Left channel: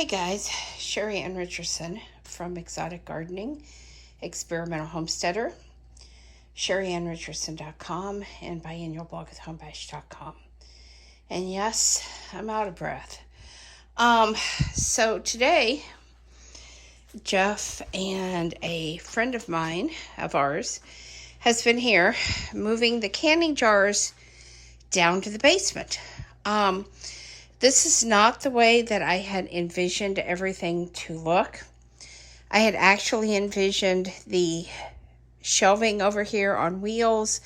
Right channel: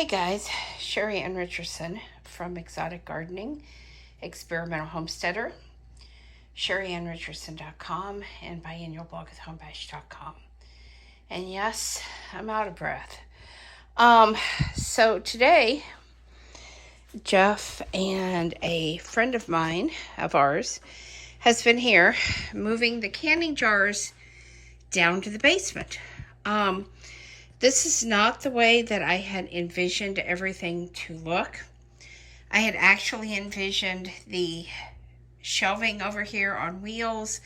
Hey guys, Sheri and Richerson from Exotic Gardening, Experimental Homesteader, SheriandRicherson.com, and biannualblog@homebash.com. And yes, I'm out of breath. So today, Jeff and a friend of ours, has been here moving the canning jars down to the basement. This is not the way that I had envisioned everything to look. I had actually envisioned the shelving over here on wheels,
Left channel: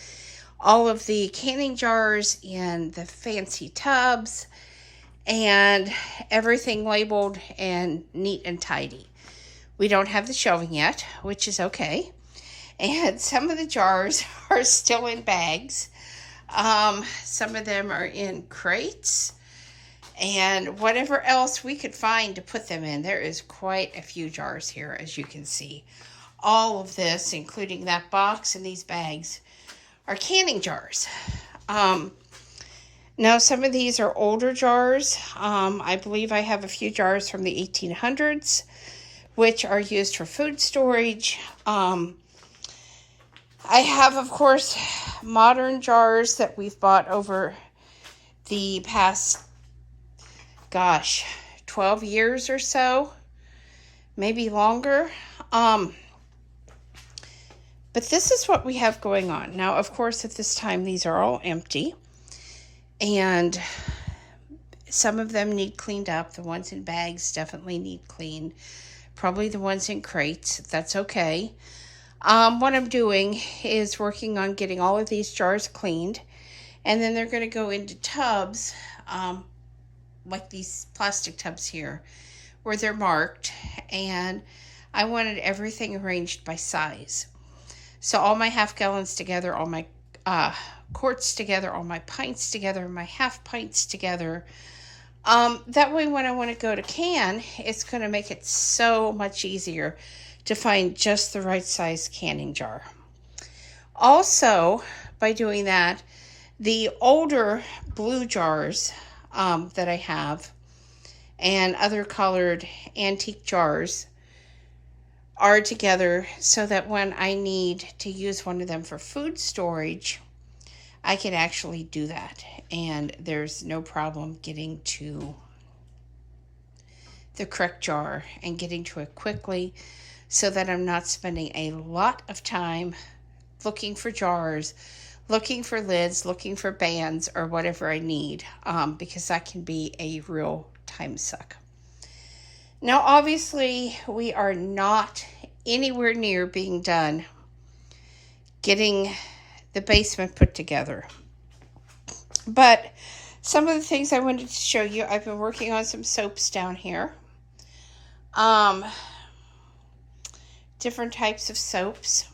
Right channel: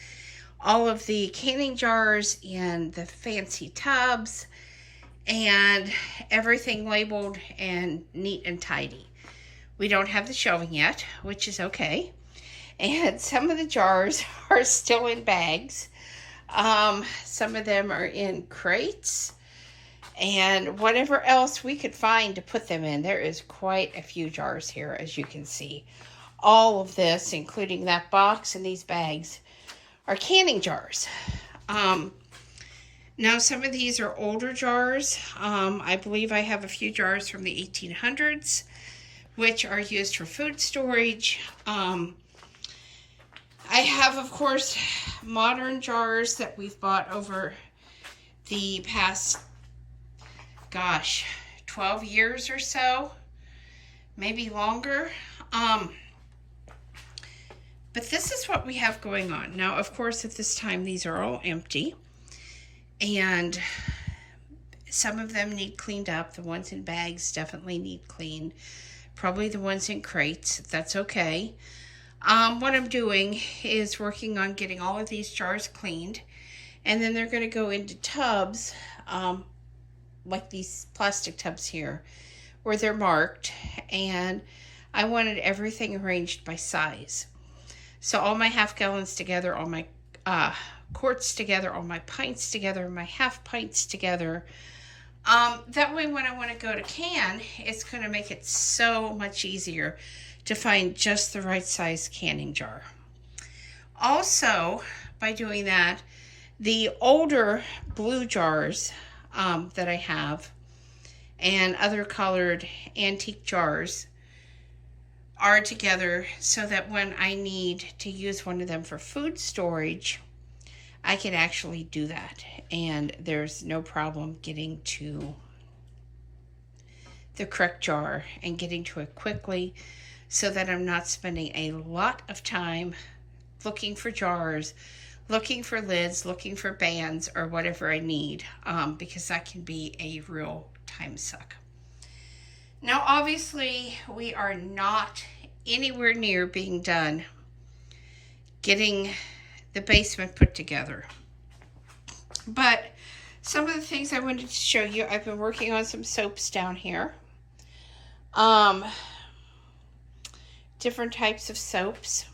all of the canning jars and the fancy tubs, and everything labeled and neat and tidy. We don't have the shelving yet, which is okay. And some of the jars are still in bags. Some of them are in crates. And whatever else we could find to put them in. There is quite a few jars here, as you can see. All of this, including that box and these bags, are canning jars. Now, some of these are older jars. I believe I have a few jars from the 1800s, which are used for food storage. I have, of course, modern jars that we've bought over the past 12 years or so, maybe longer. But this is what we have going on. Now, of course, at this time, these are all empty. And some of them need cleaned up. The ones in bags definitely need cleaned. Probably the ones in crates. That's okay. What I'm doing is working on getting all of these jars cleaned. And then they're going to go into tubs, like these plastic tubs here, where they're marked, and I wanted everything arranged by size. So all my half gallons together, all my quarts together, all my pints together, my half pints together. That way when I want to go to can, it's going to make it so much easier to find just the right size canning jar. Also, by doing that, the older blue jars that I have and other colored antique jars are together so that when I need to use one of them for food storage, I can actually do that. And there's no problem getting to the correct jar and getting to it quickly so that I'm not spending a lot of time looking for jars, looking for lids, looking for bands, or whatever I need, because that can be a real time suck. Now, obviously, we are not anywhere near being done getting the basement put together. But some of the things I wanted to show you, I've been working on some soaps down here. Different types of soaps.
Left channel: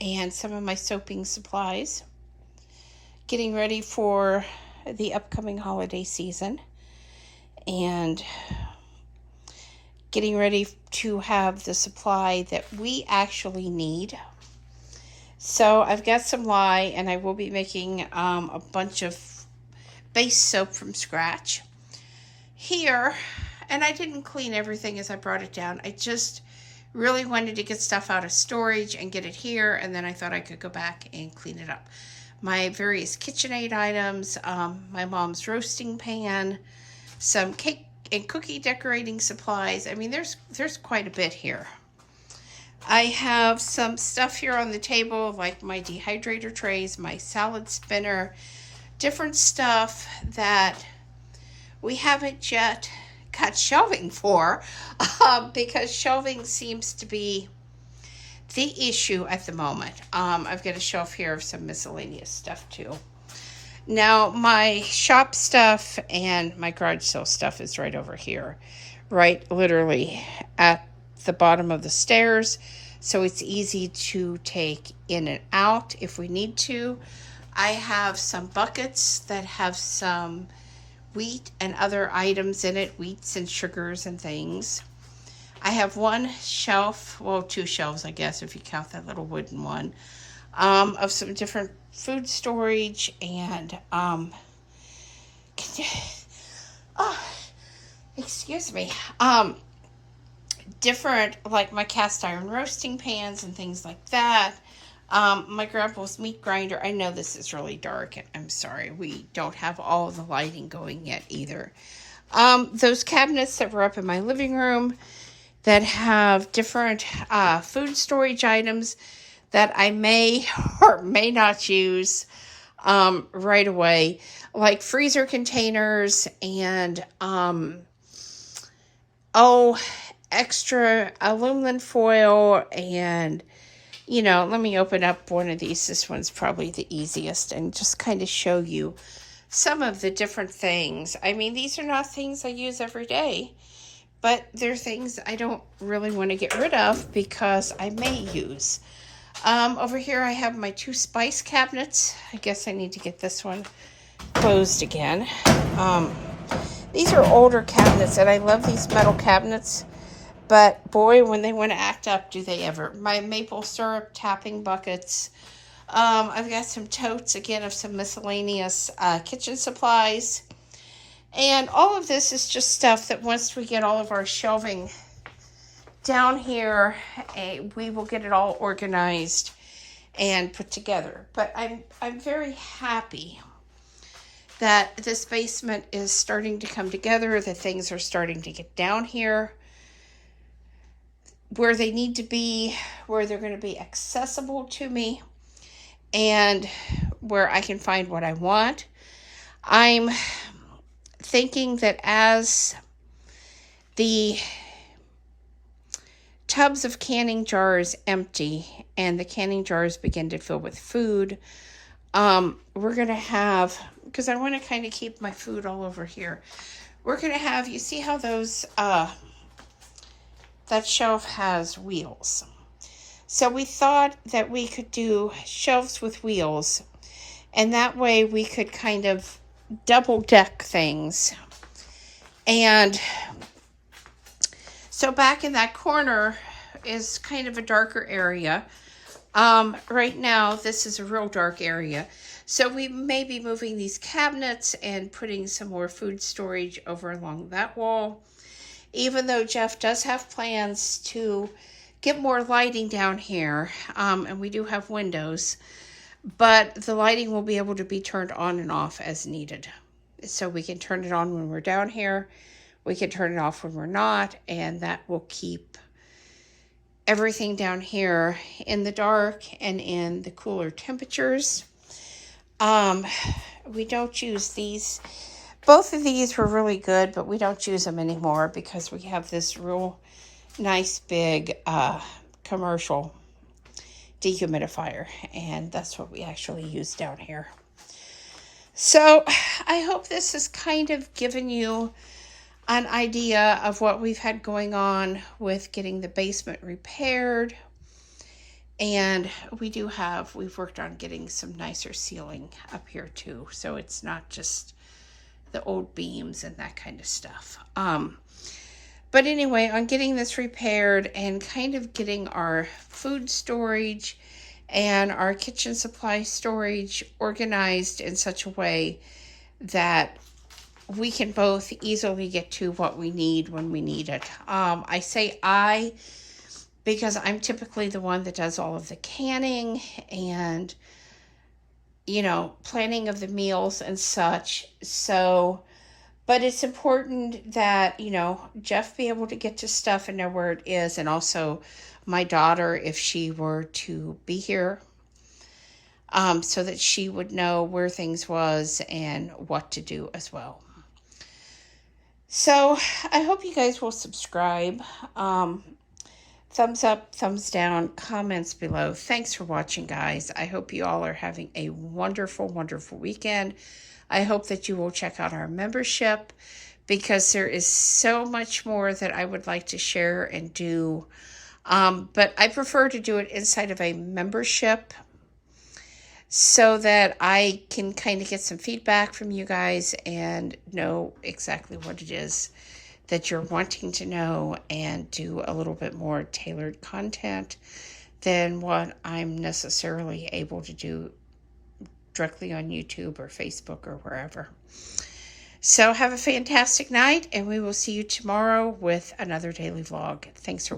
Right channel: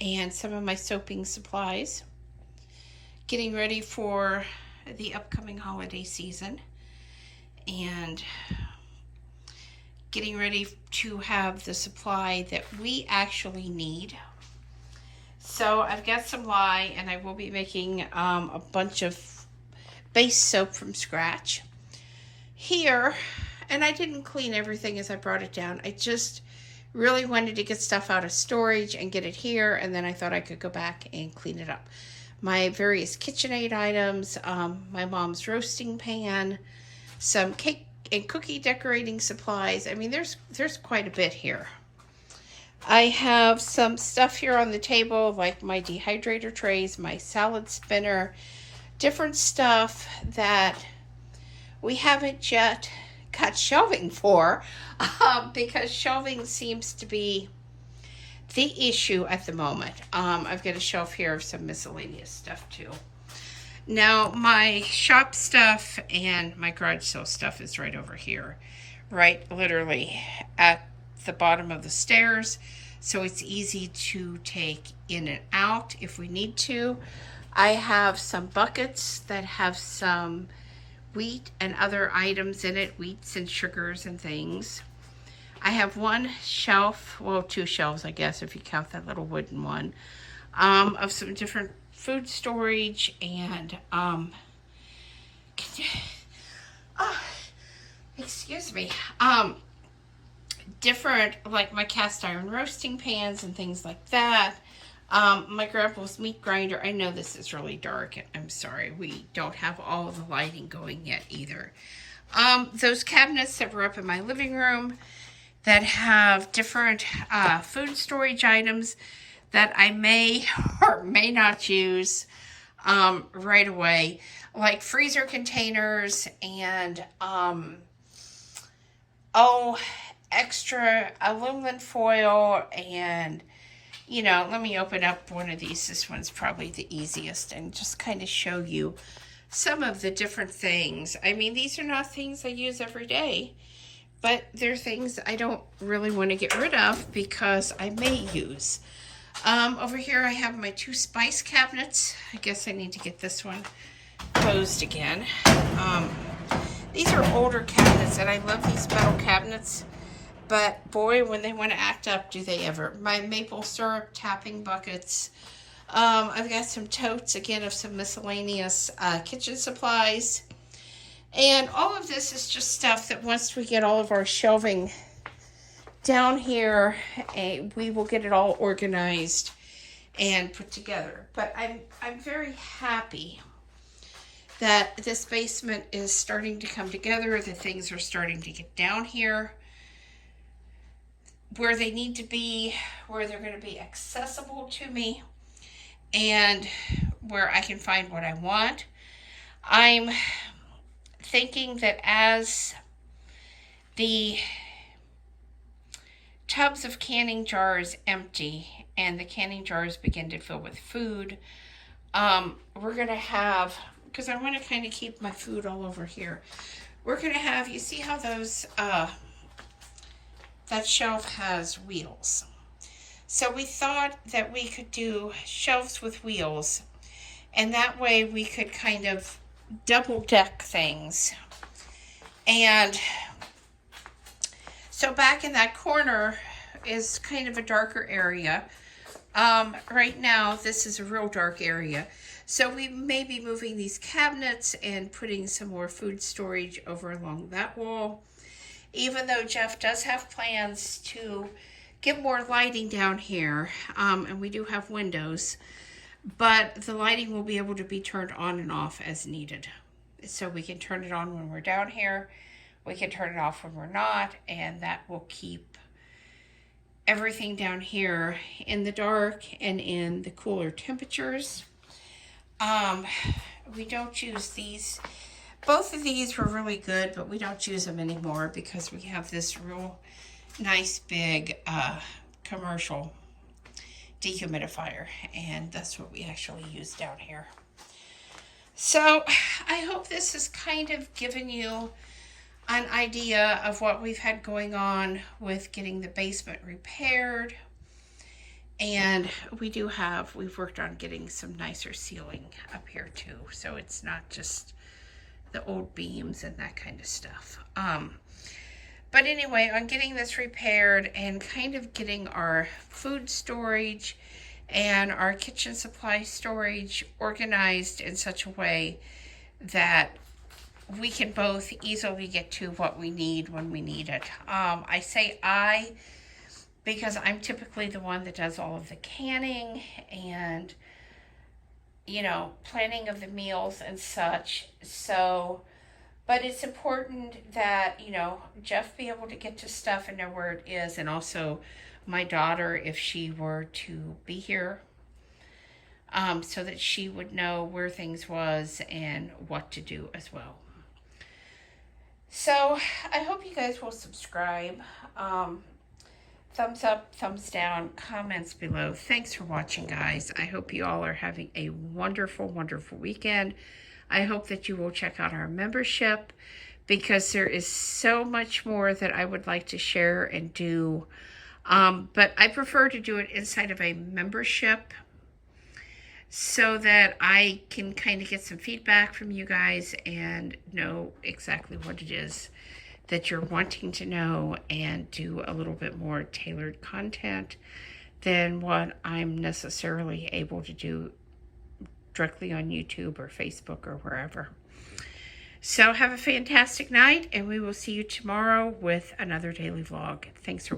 And some of my soaping supplies, getting ready for the upcoming holiday season, and getting ready to have the supply that we actually need. So I've got some lye, and I will be making a bunch of base soap from scratch here. And I didn't clean everything as I brought it down. I just really wanted to get stuff out of storage and get it here, and then I thought I could go back and clean it up. My various KitchenAid items, my mom's roasting pan, some cake and cookie decorating supplies. I mean, there's quite a bit here. I have some stuff here on the table, like my dehydrator trays, my salad spinner, different stuff that we haven't yet got shelving for, because shelving seems to be the issue at the moment. I've got a shelf here of some miscellaneous stuff too. Now, my shop stuff and my garage sale stuff is right over here, right literally at the bottom of the stairs, so it's easy to take in and out if we need to. I have some buckets that have some wheat and other items in it, wheats and sugars and things. I have one shelf, well, two shelves, I guess, if you count that little wooden one, of some different food storage and excuse me, different, like my cast iron roasting pans and things like that. My grandpa's meat grinder. I know this is really dark. I'm sorry. We don't have all of the lighting going yet either. Those cabinets that were up in my living room that have different food storage items that I may or may not use right away, like freezer containers and extra aluminum foil. And let me open up one of these. This one's probably the easiest, and just kind of show you some of the different things. I mean, these are not things I use every day, but they're things I don't really want to get rid of because I may use. Over here I have my 2 spice cabinets. I guess I need to get this one closed again. These are older cabinets, and I love these metal cabinets, but boy, when they want to act up, do they ever. My maple syrup tapping buckets. I've got some totes, again, of some miscellaneous kitchen supplies. And all of this is just stuff that once we get all of our shelving down here, we will get it all organized and put together. But I'm very happy that this basement is starting to come together, that things are starting to get down here where they need to be, where they're going to be accessible to me, and where I can find what I want. I'm thinking that as the tubs of canning jars empty and the canning jars begin to fill with food, we're going to have, because I want to kind of keep my food all over here, we're going to have, you see how those, that shelf has wheels. So we thought that we could do shelves with wheels, and that way we could kind of double deck things. And so back in that corner is kind of a darker area. Right now this is a real dark area. So we may be moving these cabinets and putting some more food storage over along that wall. Even though Jeff does have plans to get more lighting down here, and we do have windows, but the lighting will be able to be turned on and off as needed. So we can turn it on when we're down here, we can turn it off when we're not, and that will keep everything down here in the dark and in the cooler temperatures. We don't use these. Both of these were really good, but we don't use them anymore because we have this real nice big commercial dehumidifier, and that's what we actually use down here. So I hope this has kind of given you an idea of what we've had going on with getting the basement repaired. And we've worked on getting some nicer ceiling up here too, so it's not just the old beams and that kind of stuff. But anyway, on getting this repaired and kind of getting our food storage and our kitchen supply storage organized in such a way that we can both easily get to what we need when we need it. I say because I'm typically the one that does all of the canning and planning of the meals and such. So, but it's important that, Jeff be able to get to stuff and know where it is. And also my daughter, if she were to be here, so that she would know where things was and what to do as well. So I hope you guys will subscribe. Thumbs up, thumbs down, comments below. Thanks for watching, guys. I hope you all are having a wonderful, wonderful weekend. I hope that you will check out our membership, because there is so much more that I would like to share and do. But I prefer to do it inside of a membership so that I can kind of get some feedback from you guys and know exactly what it is that you're wanting to know, and do a little bit more tailored content than what I'm necessarily able to do directly on YouTube or Facebook or wherever. So have a fantastic night, and we will see you tomorrow with another daily vlog. Thanks for watching.